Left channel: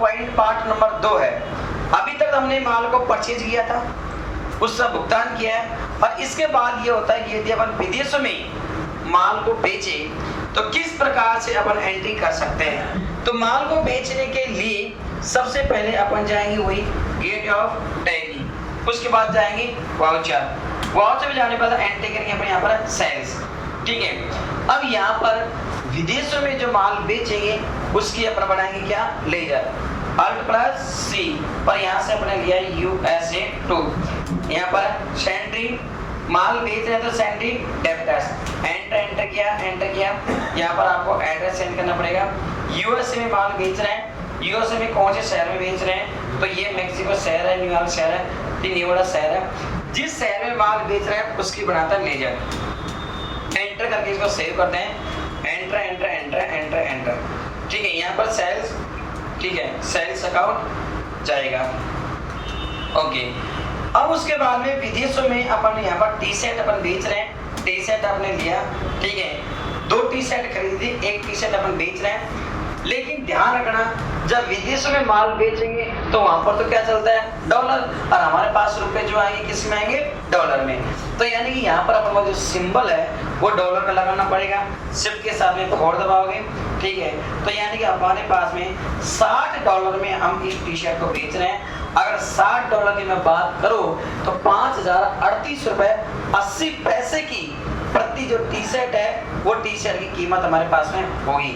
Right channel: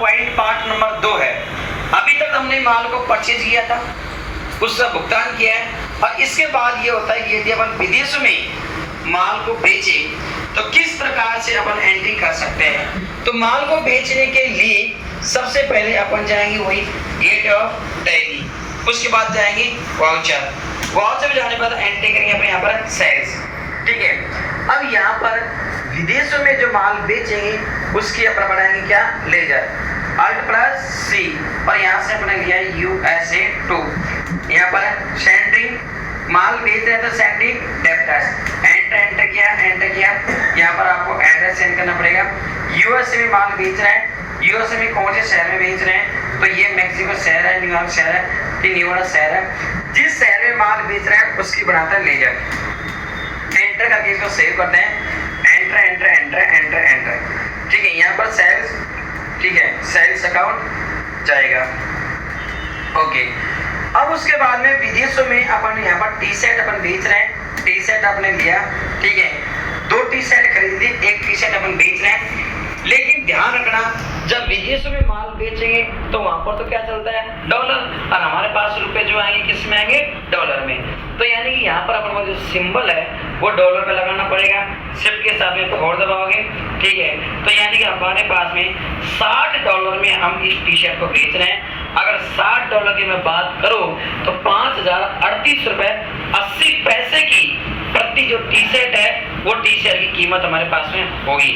Point part number 2 है। अभी तक हमने माल को परचेज किया था, उसका भुगतान किया है, और इसके बाद ये होता है कि यदि अपन विदेशों में माल को बेचे तो किस प्रकार से अपन एंट्री कर सकते हैं। तो माल को बेचने के लिए सबसे पहले अपन जाएंगे वही गेट ऑफ टैली, उसके बाद जाएंगे वाउचर, वाउचर जाने पर एंट्री करेंगे अपने यहाँ पर सेल्स। ठीक है, अब यहाँ पर विदेशों में जो माल बेचेंगे उसकी अपन बनाएंगे क्या, लेजर, अल्ट प्लस सी, और यहाँ से अपने लिया USA 2। यहाँ पर सेंट्रिंग माल बेच रहे हैं तो सेंट्रिंग डेप्टर्स, एंटर किया। यहाँ पर आपको एड्रेस सेंड करना पड़ेगा। यूएसए में माल बेच रहे हैं, यूएसए में कौन से शहर में बेच रहे हैं, तो ये मेक्सिको शहर है, न्यूयॉर्क शहर है, तीन ये बड़ा शहर है। जिस शहर में माल बेच रहे हैं उसकी बनाता है लेजर। एंटर करके इसको सेव करते हैं, एंटर। ठीक है, यहाँ पर सेल्स, ठीक है, सेल्स अकाउंट जाएगा। ओके, अब उसके बाद में विदेशों में अपन यहाँ पर टी शर्ट अपन बेच रहे हैं, टी शर्ट आपने लिया, ठीक है, 2 टी शर्ट खरीदी, 1 टी शर्ट अपन बेच रहे हैं। लेकिन ध्यान रखना, जब विदेशों में माल बेचेंगे तो वहां पर तो क्या चलता है, डॉलर, और हमारे पास रुपए जो आएंगे किस में आएंगे, डॉलर में। तो यानी कि यहाँ पर अपन को जो सिंबल है वो डॉलर का लगाना पड़ेगा, शिफ्ट के साथ में 4 दबाओगे, ठीक है। तो यानी कि हमारे पास में $60 में हम इस टी शर्ट को बेच रहे हैं। अगर $60 की मैं बात करूं तो 5038 रुपए 80 पैसे की प्रति जो टी शर्ट है वो टी शर्ट की कीमत हमारे पास में होगी।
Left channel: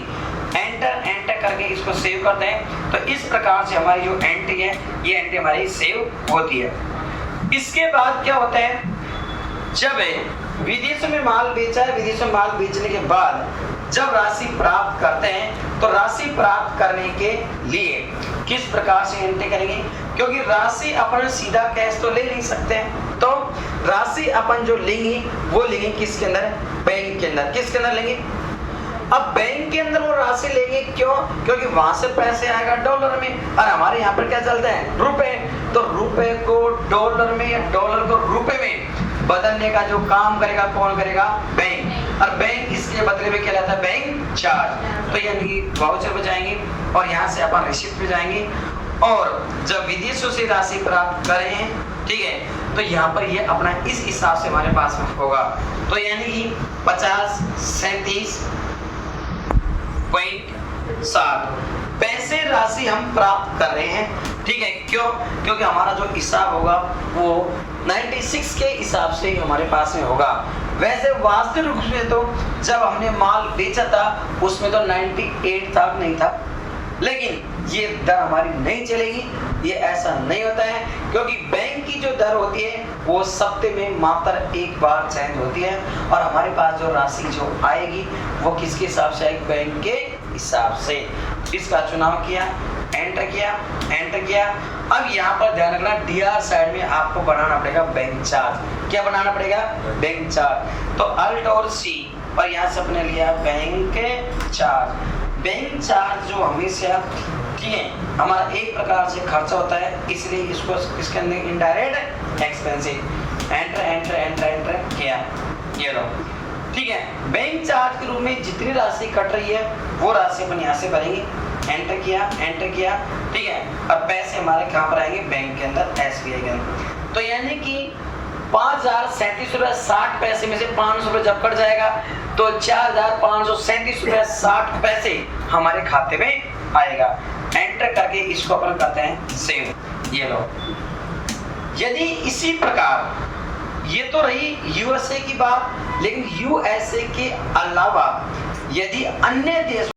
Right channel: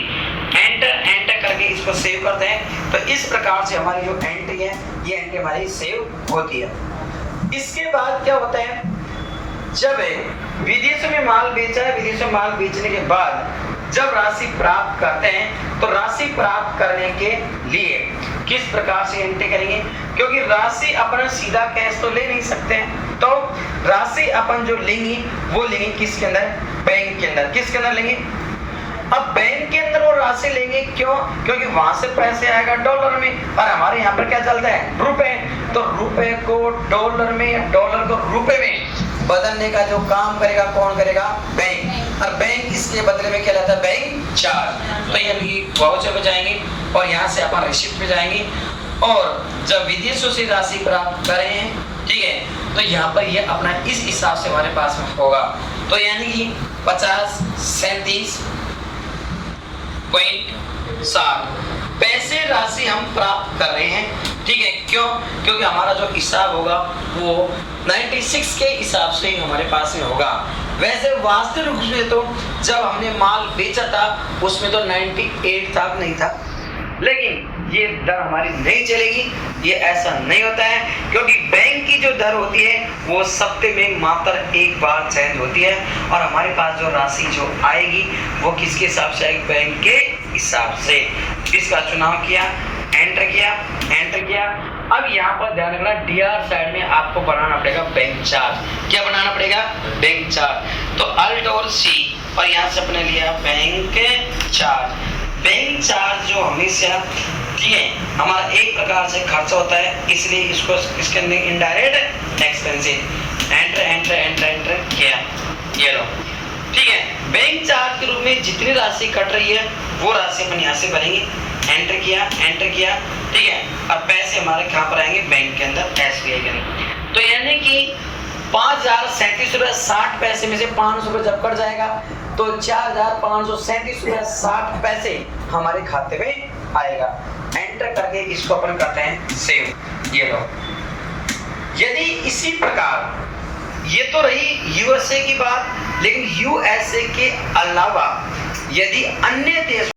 एंटर करके इसको सेव करते हैं। तो इस प्रकार से हमारी जो एंट्री है ये एंट्री हमारी सेव होती है। इसके बाद क्या होता है, जब विदेशों में माल बेचा है, विदेशों में माल बेचने के बाद जब राशि प्राप्त करते हैं तो राशि प्राप्त करने के लिए किस प्रकार से एंट्री करेंगे, क्योंकि राशि अपन सीधा कैश तो ले नहीं सकते हैं, तो राशि अपन जो लेंगे वो लेंगे किसके अंदर, बैंक के अंदर। किसके अंदर लेंगे, अब बैंक के अंदर वो राशि लेंगे, क्यों, क्योंकि वहां से पैसे आएगा डॉलर में, और हमारे यहाँ पर क्या चलता है, रुपए। तो रुपए को डॉलर में, डॉलर को रुपए में बदलने का जो काम करेगा कौन करेगा, बैंक, और बैंक इसके बदले में क्या लेता है, बैंक चार्ज। तो यानी वाउचर पे जाएंगे और यहाँ से अपन रिसिप्ट पे जाएंगे, और जब विदेशों से राशि प्राप्त करें, ठीक है, तो यहाँ पर ये अपना इस हिसाब से हमारे पास में होगा। तो यानी कि 5037.60 पैसे राशि हम प्राप्त कर रहे हैं, ठीक है। क्यों, क्योंकि हमारा जो हिसाब होगा वो 96 के हिसाब से ही हमारे पास में होगा। वैसे वास्तविक रूप में तो जब हमने माल बेचा था उसमें तो 98 तक नहीं था, लेकिन ये दर हमारी नहीं चलेगी, ये ऐसा नहीं होता है, क्योंकि बैंक की जो दर होती है वो सप्ताह में मात्र एक बार चेंज होती है, और हमारे पास जो राशि जो आएगी वो किसके हिसाब से आएगी, बैंक के हिसाब से। इसका चुनाव किया, एंटर किया। अब यहाँ पर ध्यान रखना, डीआर साइड में आपको बनाना पड़ेगा बैंक चार्ज। क्या बनाना पड़ेगा, बैंक चार्ज। तो अल्ट और सी, और यहाँ से अपने लिया बैंक चार्ज। बैंक चार्ज जो हमेशा, ठीक है, हमारा एक प्रकार से खर्चा होता है, इसलिए इसको इसके अंदर इनडायरेक्ट एक्सपेंसिव। एंटर किया, ये लो, ठीक है। बैंक चार्ज के रूप में जितनी राशि कट रही है वो राशि अपन यहाँ से भरेंगे। एंटर किया, ठीक है, और पैसे हमारे कहाँ पर आएंगे, बैंक के अंदर, SBI के अंदर। तो यानी कि 5037 रुपये 60 पैसे में से 500 रुपये जब कट जाएगा तो 4537 रुपये 60 पैसे हमारे खाते में आएगा। एंटर करके इसको अपन करते हैं सेव, ये लो। यदि इसी प्रकार, ये तो रही यूएसए की बात, लेकिन यूएसए के अलावा यदि अन्य देश